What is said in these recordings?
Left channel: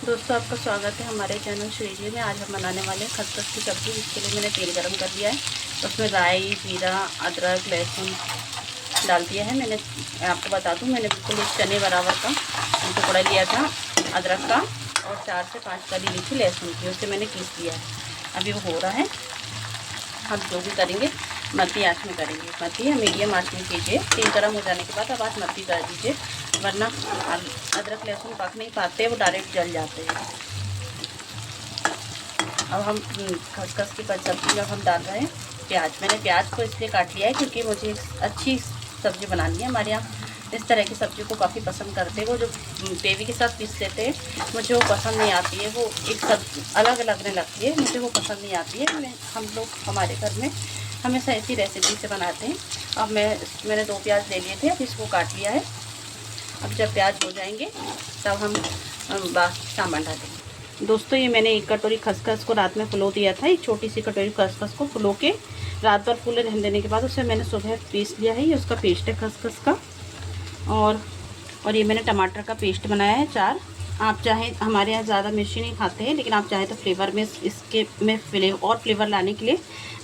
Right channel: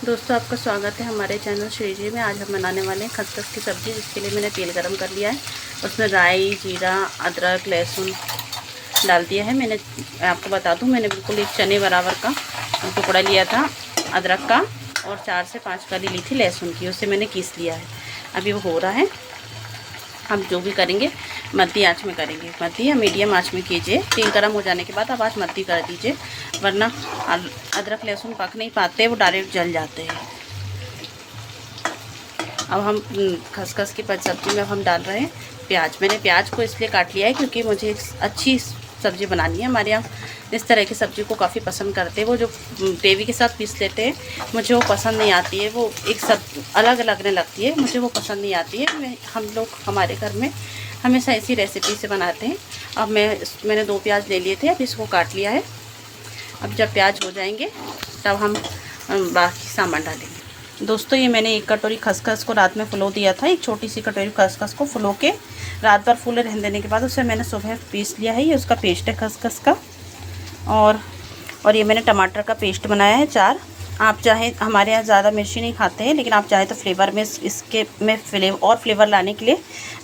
दोस्तों, आपका स्वागत है हमारे चैनल श्रीजी में। आज हम बनाने वाले हैं खसखस की सब्ज़ी। इसके लिए मैंने तेल गरम कर लिया है। उसमें राई, जीरा, अदरक, लहसुन डाल दिया है। मैंने आपको बता दूं, मैंने बिल्कुल एक चने बराबर का टुकड़ा लिया था अदरक का और 4 से 5 कली ली थी लहसुन की। उससे मैंने पीस लिया है। अभी वो हो रहा है। हम जो भी करेंगे मध्य आँच में करेंगे, मध्य या मीडियम आँच में कीजिए। तेल गर्म हो जाने के बाद आप आँच मध्य कर दीजिए, वरना अदरक लहसुन पक नहीं पाते, वो डायरेक्ट जल जाते हैं। अब हम खसखस की सब्ज़ी में हम डाल रहे हैं प्याज। मैंने प्याज को इसलिए काट लिया है क्योंकि मुझे अच्छी सब्ज़ी बनानी है। हमारे यहाँ इस तरह की सब्ज़ी को काफ़ी पसंद करते हैं। वो जो ग्रेवी के साथ पीस लेते हैं, मुझे वो पसंद नहीं आती है। वो एक सब अलग लगने लगती है, मुझे वो पसंद नहीं आती है। हम लोग हमारे घर में हमेशा इसी रेसिपी से बनाते हैं। अब मैंने 2 प्याज ले लिए थे, अब इसको काट लिया है। अब जब प्याज हो जाएंगे तब हम बाकी सामान डालेंगे। दोस्तों, ये मैंने 1 कटोरी खसखस को रात में फुलो दिया था। एक छोटी सी कटोरी खसखस को फुलो के रात भर फूले रहने देने के बाद उसे मैंने सुबह पीस लिया है। ये उसका पेस्ट है खसखस का। और ये मैंने टमाटर का पेस्ट बनाया है 4। आप चाहे, हमारे यहाँ ज़्यादा मिर्ची नहीं खाते हैं, लेकिन आप चाहे तो फ्लेवर में इसके में फ्लेवर लाने के लिए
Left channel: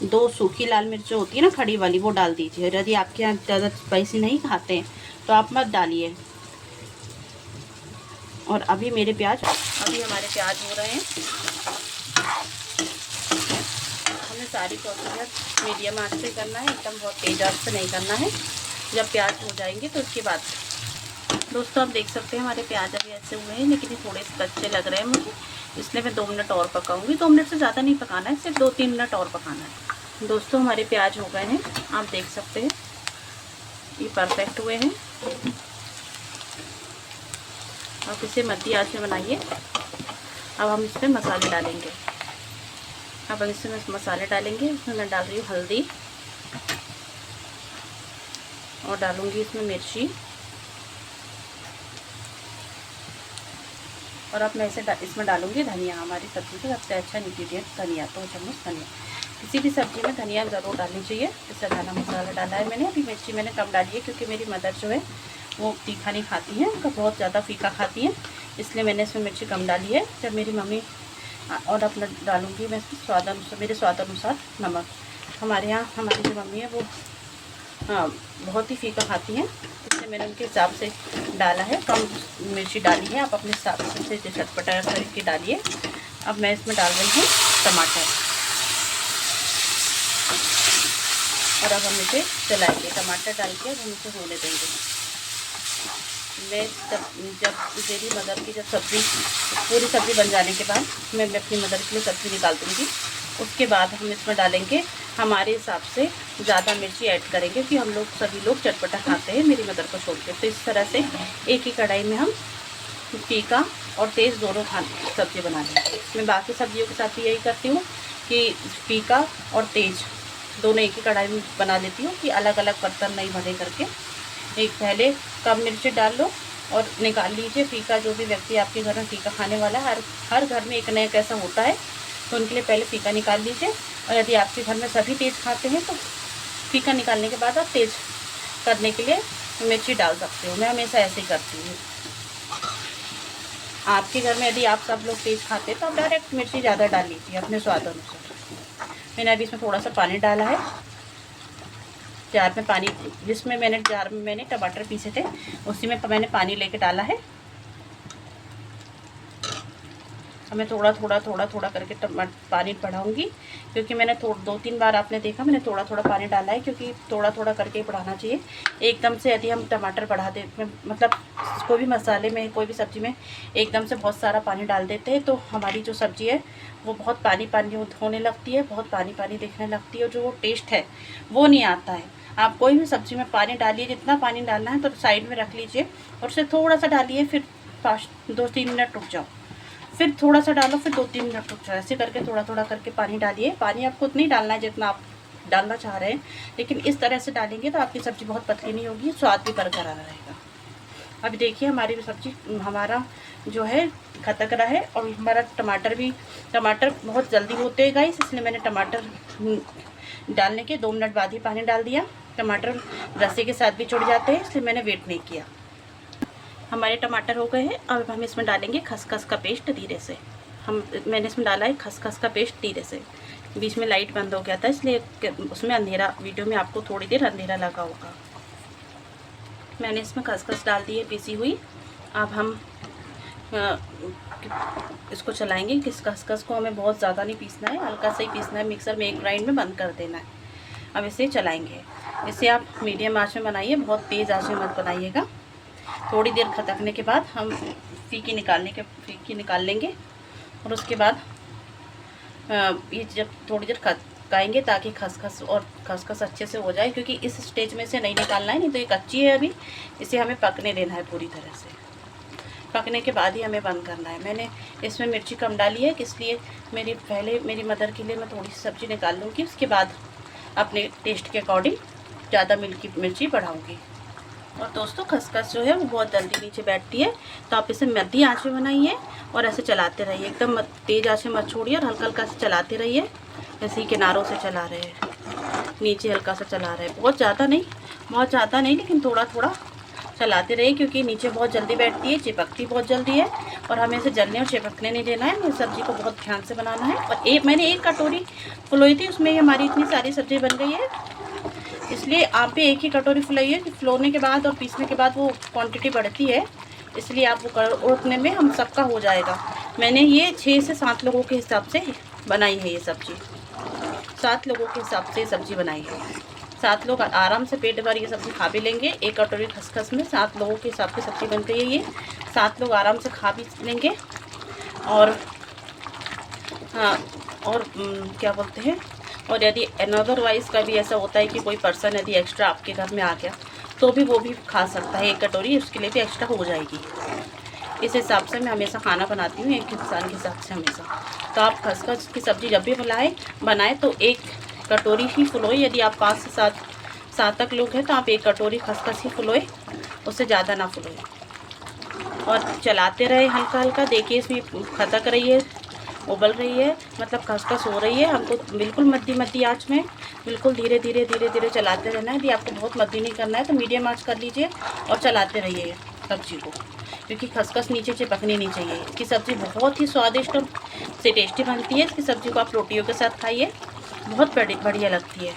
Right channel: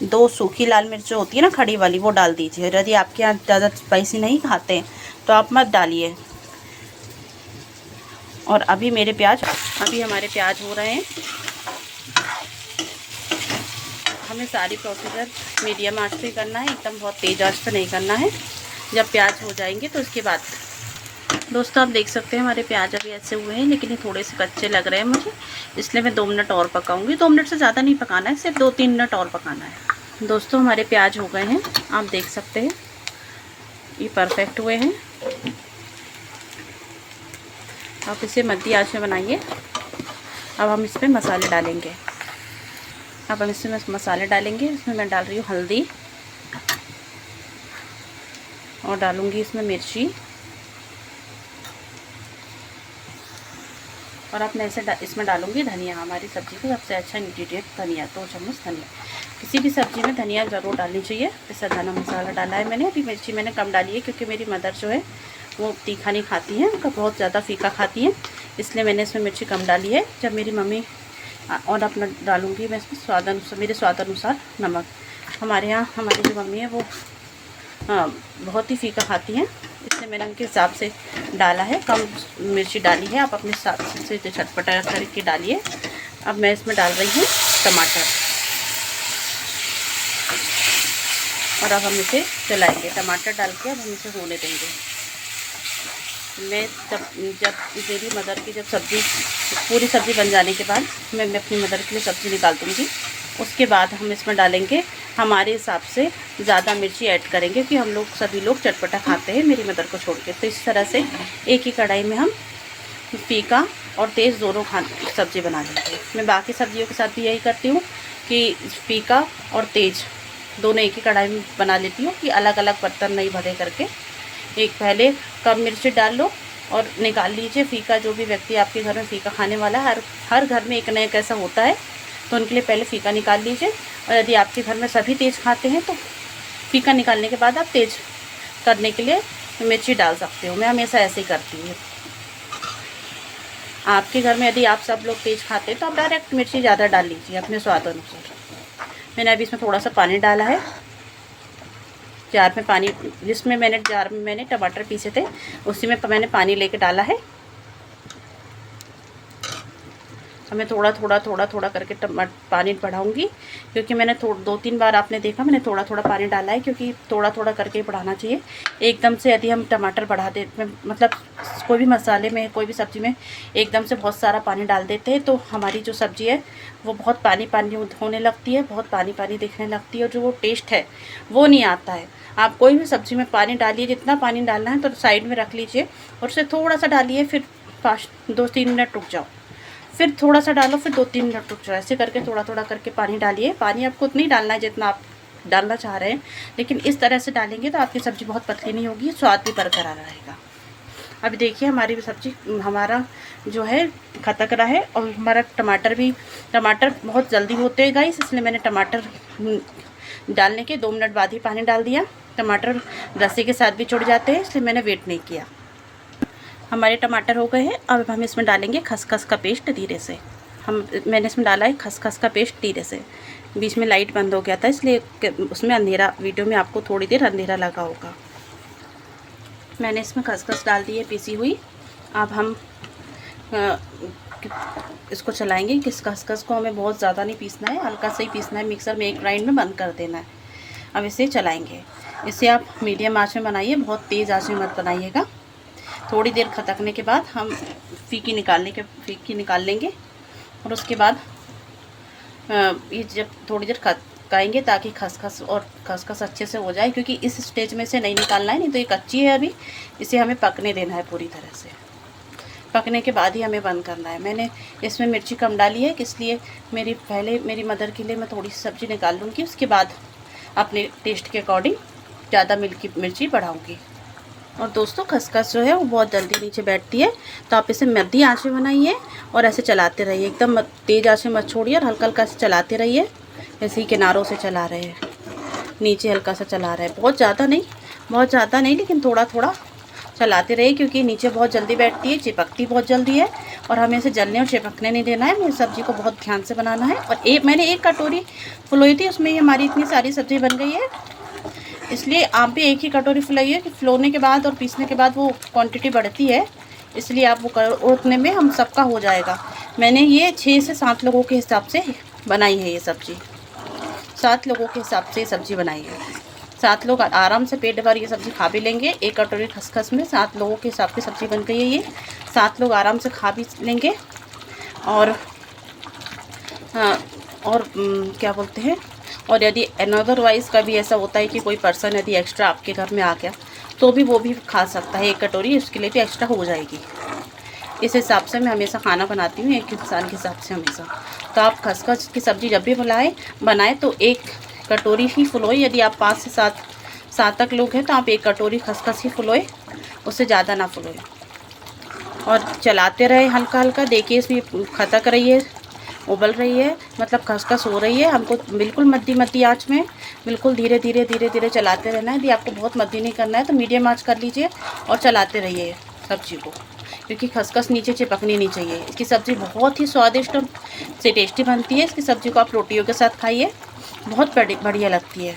2 सूखी लाल मिर्च होती है ना, खड़ी वाली, वो डाल दीजिए। यदि आपके यहाँ ज़्यादा स्पाइसी नहीं खाते हैं तो आप मत डालिए। और अभी हमारे प्याज हो रहे हैं। हमें सारी प्रोसीजर मीडियम आंच से करना है, एकदम बहुत तेज़ आंच पे नहीं करना है। जब प्याज हो जाएंगे तो उसके बाद दोस्तों, आप देख सकते हैं हमारे प्याज अभी ऐसे हुए हैं, लेकिन ये थोड़े से कच्चे लग रहे हैं मुझे, इसलिए मैं 2 मिनट और पकाऊंगी। 2 मिनट से ज़्यादा नहीं पकाना है, सिर्फ 2-3 मिनट और पकाना है। दोस्तों, हमारे प्याज हो गए हैं, आप देख सकते हैं ये परफेक्ट हुए हैं। आप इसे मध्य आंच में बनाइए। अब हम इसमें मसाले डालेंगे। इसमें मैं डाल रही हूँ हल्दी और डालूंगी इसमें मिर्ची। और अब मैं इसमें डालूंगी धनिया। हमारी सब्ज़ी का सबसे अच्छा इंग्रेडिएंट धनिया, 2 चम्मच धनिया। किसी भी सब्ज़ी में धनिया ज़रूर डालनी चाहिए। इससे धना मसाला डाला है मैंने। अभी मिर्ची मैंने कम डाली है क्योंकि मेरी मदर जो है वो तीखा नहीं खाती हैं, उनका बहुत ज़्यादा फीका खाती हैं, इसलिए मैंने इसमें मिर्ची कम डाली है। जब मेरी मम्मी और अपना डालूँगी मैं इसमें मेरे स्वाद अनुसार नमक। हमारे यहाँ हमारी जो मम्मी है वो बहुत ही फीका खाती हैं, इसलिए मैंने उनके हिसाब से डाला है, कम मिर्ची डाली है। आप अपने हिसाब से चटपटा करके डालिए। अब मैं इसमें डाल रही हूँ टमाटर और अब हम इसे चलाएंगे। टमाटर डाल के अब हम इसे होने देंगे। मैं जब मेरी मदर की पूरी सब्ज़ी बन जाने के बाद मैं अपनी मदर के लिए सब्ज़ी निकाल दूँगी। उसके बाद हम इसमें डालेंगे हमारे हिसाब से ज़्यादा मिर्ची ऐड करेंगे, क्योंकि सभी लोग चटपटा खाते हैं मेरी मदर को छोड़ के। तो इस तरह से एक ही कढ़ाई में हम फीका और तेज़ दोनों सब्ज़ी बना लेंगे। मैं बाकी सब्जियों के साथ भी यही करती हूँ कि फीका और तेज़ दोनों एक ही कढ़ाई में बना लेती हूँ, कि अलग अलग बर्तन नहीं भरे करके। एक पहले कम मिर्ची डाल लो और निकाल लीजिए। फीका, जो भी व्यक्ति आपके घर में फीका खाने वाला है, हर घर में एक न एक ऐसा होता है, तो उनके लिए पहले फ़ीका निकाल लीजिए। और यदि आपके घर में सभी तेज़ खाते हैं तो फ़ीका निकालने के बाद आप तेज़ करने के लिए मिर्ची डाल सकते हो। मैं हमेशा ऐसे ही करती हूँ। आपके घर में यदि आप सब लोग तेज़ खाते हैं तो आप डायरेक्ट मिर्ची ज़्यादा डाल लीजिए अपने स्वाद अनुसार। मैंने अभी इसमें थोड़ा सा पानी डाला है। जार में मैंने टमाटर पीसे थे, उसी में मैंने पानी लेके डाला है। मैं थोड़ा थोड़ा करके पानी बढ़ाऊंगी, क्योंकि मैंने 2-3 बार आपने देखा मैंने थोड़ा थोड़ा पानी डाला है, क्योंकि थोड़ा थोड़ा करके ही बढ़ाना चाहिए। एकदम से यदि हम टमाटर बढ़ा दे, मतलब कोई भी मसाले में, कोई भी सब्ज़ी में एकदम से बहुत सारा पानी डाल देते हैं, तो हमारी जो सब्ज़ी है वो बहुत पानी पानी होने लगती है, बहुत पानी पानी दिखने लगती है, और जो वो टेस्ट है वो नहीं आता है। आप कोई भी सब्ज़ी में पानी डालिए, जितना पानी डालना है तो साइड में रख लीजिए और उसे थोड़ा सा डालिए, फिर 2-3 मिनट रुक जाओ, फिर थोड़ा सा डालो, फिर 2-3 मिनट रुक जाओ। ऐसे करके थोड़ा थोड़ा करके पानी डालिए। पानी आपको उतना ही डालना है जितना आप डालना चाह रहे हैं, लेकिन इस तरह से डालेंगे तो आपकी सब्ज़ी बहुत पतली नहीं होगी, स्वाद भी बरकरार रहेगा। अब देखिए हमारी सब्ज़ी, हमारा जो है खटक रहा है, और हमारा टमाटर बहुत जल्दी होते हैं गाइस, इसलिए मैंने टमाटर डालने के 2 मिनट बाद ही पानी डाल दिया। टमाटर रस्सी के साथ भी जुड़ जाते हैं, इसलिए मैंने वेट नहीं किया। हमारे टमाटर हो गए हैं। अब हम इसमें डालेंगे खसखस का पेस्ट धीरे से। मैंने इसमें डाला है खसखस का पेस्ट धीरे से। बीच में लाइट बंद हो गया था इसलिए उसमें अंधेरा, वीडियो में आपको थोड़ी देर अंधेरा लगा होगा। मैंने इसमें खसखस डाल दी है पीसी हुई। अब हम इसको चलाएंगे। किस खसखस को हमें बहुत ज़्यादा नहीं पीसना है, हल्का सा ही पीसना है। मिक्सर में एक ग्राइंड में बंद कर देना है। अब इसे चलाएंगे। इसे आप मीडियम आंच में बनाइए, बहुत तेज़ आंच में मत बनाइएगा। थोड़ी देर खटकने के बाद हम फीकी निकाल लेंगे। और उसके बाद ये जब थोड़ी देर खटकाएंगे ताकि खसखस अच्छे से हो जाए, क्योंकि इस स्टेज में से नहीं निकालना है, नहीं तो ये कच्ची है अभी। इसे हमें पकने देना है पूरी तरह से। पकने के बाद ही हमें बंद करना है। मैंने इसमें मिर्ची कम डाली है, इसलिए मेरी मदर के लिए मैं थोड़ी सी सब्ज़ी निकाल लूँगी। उसके बाद अपने टेस्ट के अकॉर्डिंग ज़्यादा मिर्ची बढ़ाऊँगी। और दोस्तों खसखस जो है वो बहुत जल्दी नीचे बैठती है, तो आप इसे मध्यम आंच में बनाइए और ऐसे चलाते रहिए। एकदम तेज़ आंच में मत छोड़िए और हल्का हल्का से चलाते रहिए। ऐसे ही किनारों से चला रहे हैं, नीचे हल्का सा चला रहे हैं, बहुत ज़्यादा नहीं, लेकिन थोड़ा थोड़ा चलाते रहिए, क्योंकि नीचे बहुत जल्दी बैठती है, चिपकती बहुत जल्दी है। और हमें इसे जलने और चिपकने नहीं देना है। मेरी सब्ज़ी को बहुत ध्यान से बनाना है। और मैंने एक कटोरी फुलोई थी, उसमें हमारी इतनी सारी सब्ज़ी बन गई है। इसलिए आप भी एक ही कटोरी फुलाइए, कि फुलाने के बाद और पीसने के बाद वो क्वांटिटी बढ़ती है, इसलिए आप वो उतने में हम सबका हो जाएगा। मैंने ये 6 से 7 लोगों के हिसाब से बनाई है ये सब्ज़ी। 7 लोगों के हिसाब से सब्ज़ी बनाई है। 7 लोग आराम से पेट भर ये सब्ज़ी खा भी लेंगे। एक कटोरी खसखस में 7 लोगों के हिसाब की सब्ज़ी बन गई है ये। 7 लोग आराम से खा भी लेंगे। और क्या बोलते हैं, और यदि अदरवाइज़ कभी ऐसा होता है कि कोई पर्सन यदि एक्स्ट्रा आपके घर में आ गया, तो भी वो भी खा सकता है। एक कटोरी उसके लिए भी एक्स्ट्रा हो जाएगी। इस हिसाब से मैं हमेशा खाना बनाती हूँ, एक इंसान के हिसाब से हमेशा। तो आप खसखस की सब्ज़ी जब भी बनाए तो एक कटोरी ही फुलोए। यदि आप 5 से 7 तक लोग हैं तो आप एक कटोरी खसखस ही फुलोए, उससे ज़्यादा ना फुलोए। और चलाते रहे हल्का हल्का। देखिए इसमें खटक रही है, उबल रही है, मतलब खसखस हो रही है। हमको बिल्कुल मध्य आंच में बिल्कुल धीरे धीरे चलाते रहना है। यदि आपको बहुत मध्य नहीं करना है तो मीडियम आंच कर लीजिए और चलाते रहिए सब्ज़ी को, क्योंकि खसखस नीचे चिपकनी नहीं चाहिए। इसकी सब्ज़ी बहुत ही स्वादिष्ट और से टेस्टी बनती है। इसकी सब्ज़ी को आप रोटियों के साथ खाइए, बहुत बढ़िया लगती है।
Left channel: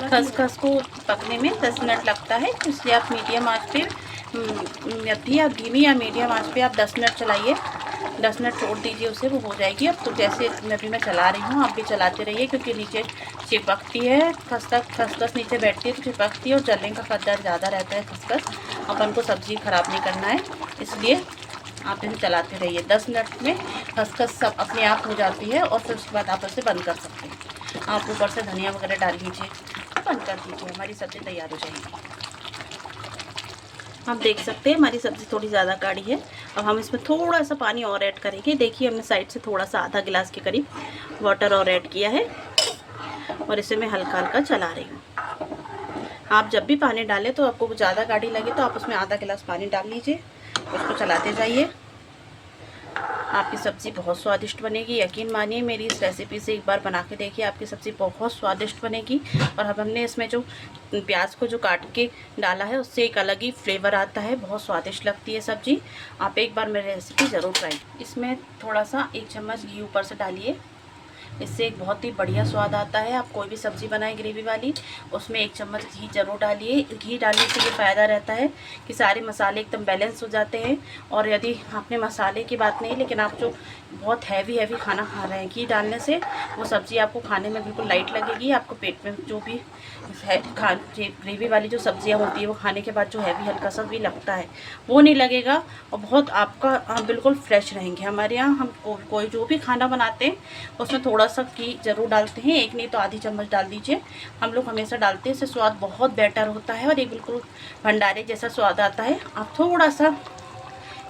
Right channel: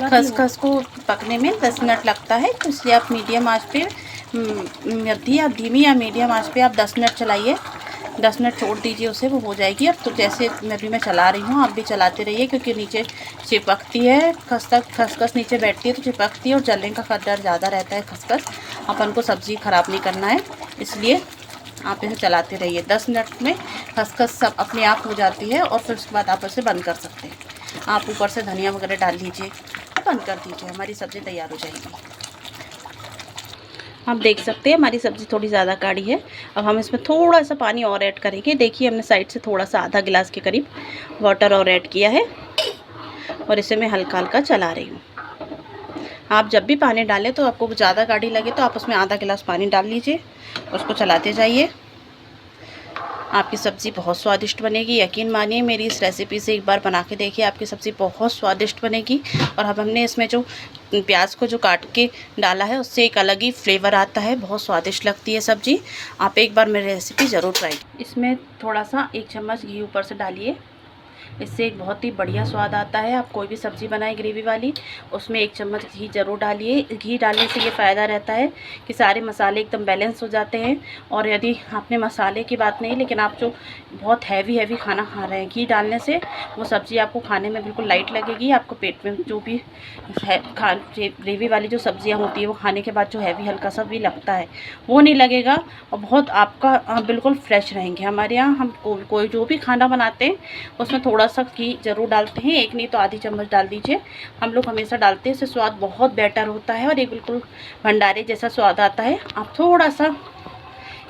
खसखस को पकने में 10 मिनट लगता है, तो इसलिए आप मीडियम आंच पे धीमी या मीडियम आंच पे आप 10 मिनट चलाइए। 10 मिनट छोड़ दीजिए उसे, वो हो जाएगी। अब तो जैसे मैं चला रही हूँ, आप भी चलाते रहिए, क्योंकि नीचे चिपकती है खसखस नीचे बैठती है तो चिपकती है और जलने का खतरा ज़्यादा रहता है। खसखस अपन को सब्ज़ी ख़राब नहीं करना है, इसलिए आप इसे चलाते रहिए। 10 मिनट में खसखस सब अपने आप हो जाती है और फिर उसके बाद आप उसे बंद कर सकते हैं। आप ऊपर से धनिया वगैरह डाल दीजिए, बंद कर दीजिए, हमारी सब्ज़ी तैयार हो जाएगी। आप देख सकते हैं हमारी सब्ज़ी थोड़ी ज़्यादा गाढ़ी है। अब हम इसमें थोड़ा सा पानी और ऐड करेंगे। देखिए हमने साइड से थोड़ा सा आधा गिलास के करीब वाटर और ऐड किया है और इसे मैं हल्का हल्का चला रही हूँ। आप जब भी पानी डालें तो आपको ज़्यादा गाढ़ी लगे तो आप उसमें आधा गिलास पानी डाल लीजिए, उसको चलाते जाइए। आपकी सब्ज़ी बहुत स्वादिष्ट बनेगी। यकीन मानिए, मेरी इस रेसिपी से एक बार बना के देखिए, आपकी सब्ज़ी बहुत स्वादिष्ट बनेगी। और अब हमने इसमें जो प्याज को जो काट के डाला है उससे एक अलग ही फ्लेवर आता है, बहुत स्वादिष्ट लगती है सब्ज़ी। आप एक बार मेरी रेसिपी ज़रूर ट्राई। इसमें थोड़ा सा 1 चम्मच घी ऊपर से डालिए, इससे एक बहुत ही बढ़िया स्वाद आता है। आप कोई भी सब्ज़ी बनाएं ग्रेवी वाली, उसमें 1 चम्मच घी ज़रूर डालिए। घी डालने से ये फ़ायदा रहता है कि सारे मसाले एकदम बैलेंस हो जाते हैं। और यदि आपने मसाले की बात नहीं, लेकिन आप जो बहुत हैवी खाना खा रहे हैं, घी डालने से वो सब्ज़ी आपको खाने में बिल्कुल लाइट लगेगी। आपको पेट में जो भी ग्रेवी वाली जो सब्ज़ियाँ होती है वो खाने के बाद जो हैवी हल्का सा भी लगता है वो नहीं लगेगा, और बहुत आपका बिल्कुल फ्रेश रहेंगे। हमारे यहाँ हम कोई जो भी खाना बनाते हैं उसमें थोड़ा सा घी ज़रूर डालते हैं, एक नहीं तो आधी चम्मच डाल दीजिए। हम लोग हमेशा डालते हैं, इससे स्वाद बहुत बेटर होता है और ये बिल्कुल भंडारे जैसा स्वाद आता है। आप थोड़ा सा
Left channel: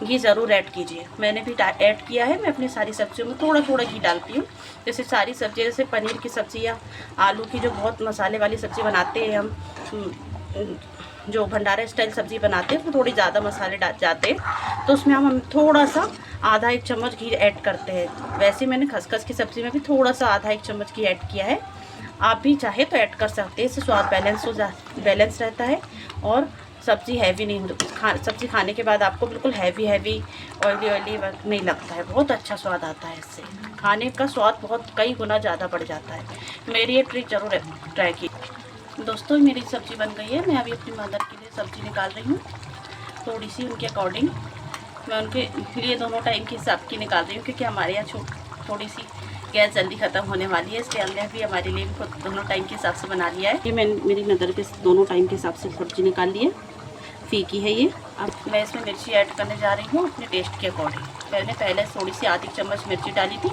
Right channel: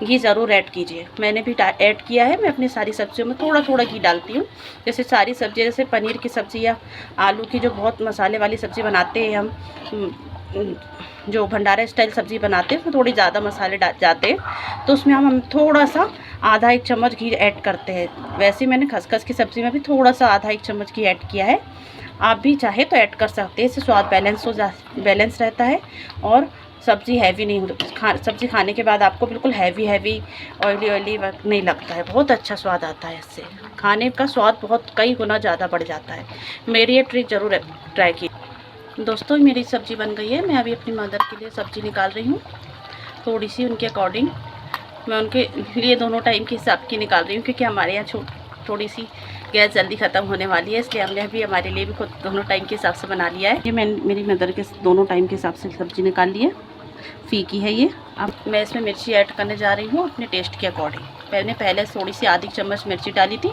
घी ज़रूर ऐड कीजिए। मैंने भी ऐड किया है। मैं अपनी सारी सब्जियों में थोड़ा थोड़ा घी डालती हूँ। जैसे सारी सब्ज़ी, जैसे पनीर की सब्ज़ी या आलू की जो बहुत मसाले वाली सब्ज़ी बनाते हैं हम, जो भंडारा स्टाइल सब्ज़ी बनाते हैं उसमें थोड़ी ज़्यादा मसाले जाते हैं, तो उसमें हम थोड़ा सा आधा 1 चम्मच घी ऐड करते हैं। वैसे मैंने खसखस की सब्ज़ी में भी थोड़ा सा आधा 1 चम्मच घी ऐड किया है। आप भी चाहे तो ऐड कर सकते हैं, इससे स्वाद बैलेंस रहता है और सब्ज़ी हैवी नहीं होती। सब्ज़ी खाने के बाद आपको बिल्कुल हैवी ऑयली नहीं लगता है। बहुत अच्छा स्वाद आता है इससे, खाने का स्वाद बहुत कई गुना ज़्यादा बढ़ जाता है। मेरी ये ट्रिक ज़रूर ट्राई की। दोस्तों मेरी सब्ज़ी बन गई है। मैं अभी अपनी मदर के लिए सब्ज़ी निकाल रही हूँ, थोड़ी सी उनके अकॉर्डिंग। मैं उनके लिए दोनों टाइम के हिसाब की निकाल रही हूँ, क्योंकि हमारे यहाँ थोड़ी सी गैस जल्दी ख़त्म होने वाली है, इसलिए हमने भी हमारे लिए भी खुद दोनों टाइम के हिसाब से बना लिया है। ये मैं मेरी मदर के दोनों टाइम के हिसाब से सब्ज़ी निकाल ली है, फीकी है ये। अब मैं इसमें मिर्ची ऐड करने जा रही हूँ अपने टेस्ट के अकॉर्डिंग। मैंने पहले थोड़ी सी आधी चम्मच मिर्ची डाली थी।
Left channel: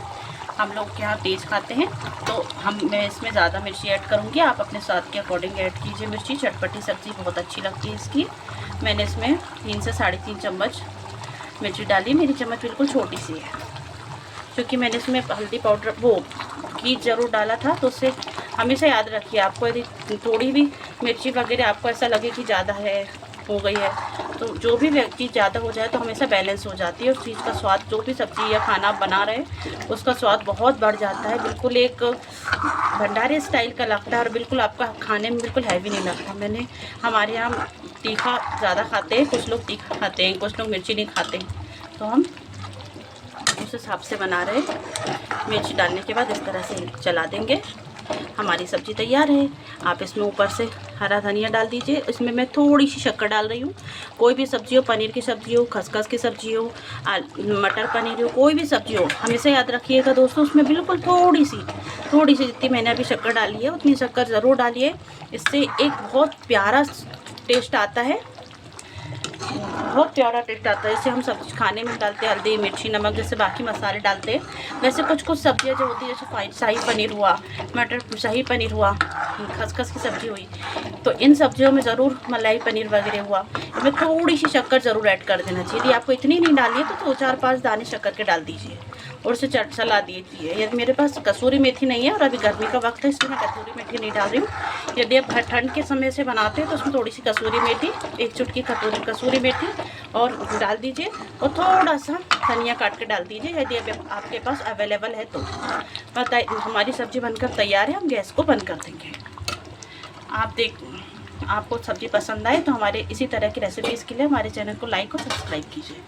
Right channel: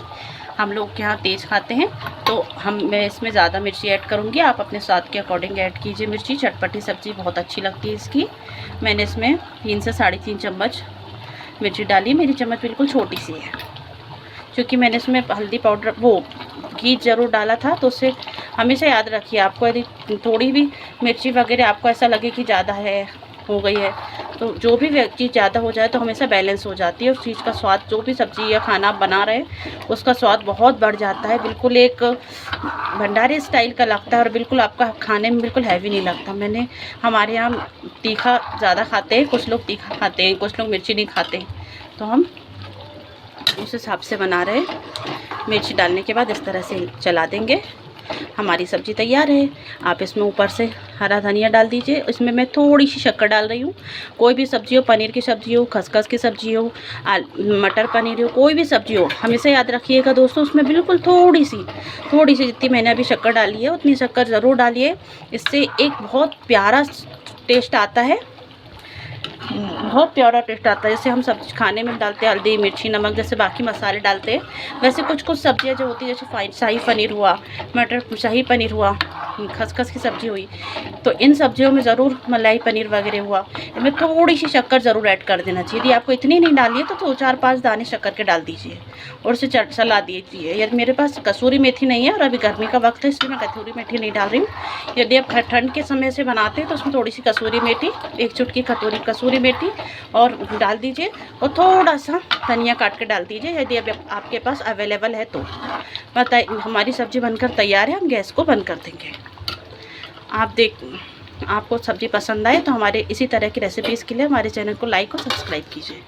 हम लोग के यहाँ तेज़ खाते हैं तो मैं इसमें ज़्यादा मिर्ची ऐड करूँगी। आप अपने स्वाद के अकॉर्डिंग ऐड कीजिए मिर्ची। चटपटी सब्ज़ी बहुत अच्छी लगती है इसकी। मैंने इसमें 3 से 3.5 चम्मच मिर्ची डाली। मेरी चम्मच बिल्कुल छोटी सी है, क्योंकि मैंने इसमें हल्दी पाउडर घी ज़रूर डाला था। तो उससे हमेशा याद रखिए, आपको यदि थोड़ी भी मिर्ची वगैरह आपको ऐसा लगे कि ज़्यादा हो गई है, तो जो भी चीज़ ज़्यादा हो जाए तो हमेशा बैलेंस हो जाती है उस चीज़ का स्वाद। जो भी सब्ज़ी या खाना आप बना रहे हैं उसका स्वाद बहुत बढ़ जाता है, बिल्कुल एक भंडारे स्टाइल का लगता है और बिल्कुल आपका खाने में बिल्कुल हैवी नहीं लगता। हमारे यहाँ तीखा ज़्यादा खाते हैं, कुछ लोग तीखा खाते हैं, कुछ लोग मिर्ची नहीं खाते हैं, तो हम उस हिसाब से बना रहे हैं। मिर्ची डालने के बाद इस तरह से चला देंगे। हमारी सब्ज़ी तैयार है। आप इसमें ऊपर से हरा धनिया डाल दीजिए। इसमें मैं थोड़ी सी शक्कर डाल रही हूँ। कोई भी सब्ज़ी हो, पनीर की सब्ज़ी हो, खसखस की सब्ज़ी हो, मटर पनीर हो, कोई भी सब्ज़ी हो, हमेशा याद रखिएगा दोस्तों, उसमें बिल्कुल थोड़ी सी जितनी मैंने अभी शक्कर डाली है उतनी शक्कर ज़रूर डालिए। इससे एक बहुत प्यारा टेस्ट आता है, बहुत प्यारा टेस्ट आता है। जैसे हम सब्ज़ी खाने में डालते हैं हल्दी मिर्ची नमक, जैसे बाकी मसाले डालते हैं, वैसे कुछ सब्ज़ियाँ जो होती है, जैसे शाही पनीर हुआ, मटर शाही पनीर हुआ, खसखस की सब्ज़ी हुई, तो इन सब्जियों में ज़रूर मलाई पनीर वगैरह हुआ, इनमें थोड़ी सी शक्कर ज़रूर ऐड कर देना चाहिए। यदि आपको इतनी नहीं डालनी है तो 2-4-5 दाने शक्कर के डाल दीजिए और उसे चला दीजिए। यदि मेरे पास कसूरी मेथी नहीं है और अभी गर्मी का वक्त है, इसलिए मैं कसूरी मेथी नहीं डाल रही हूँ। यदि आप ठंड के समय से बनाते हैं तो उसमें थोड़ी सी कसूरी मेथी, 1 चुटकी कसूरी मेथी और डाल दीजिए, और थोड़ा सा धनिया काट के डाल दीजिए यदि आपके पास अवेलेबल है तो। बताइए, हमारी सब्ज़ी बनकर तैयार है। हम गैस को बंद कर देंगे। आपको सब्ज़ी पसंद आए तो हमारे इसी तरह की रेसिपीज़ के लिए हमारे चैनल को लाइक और सब्सक्राइब कीजिए।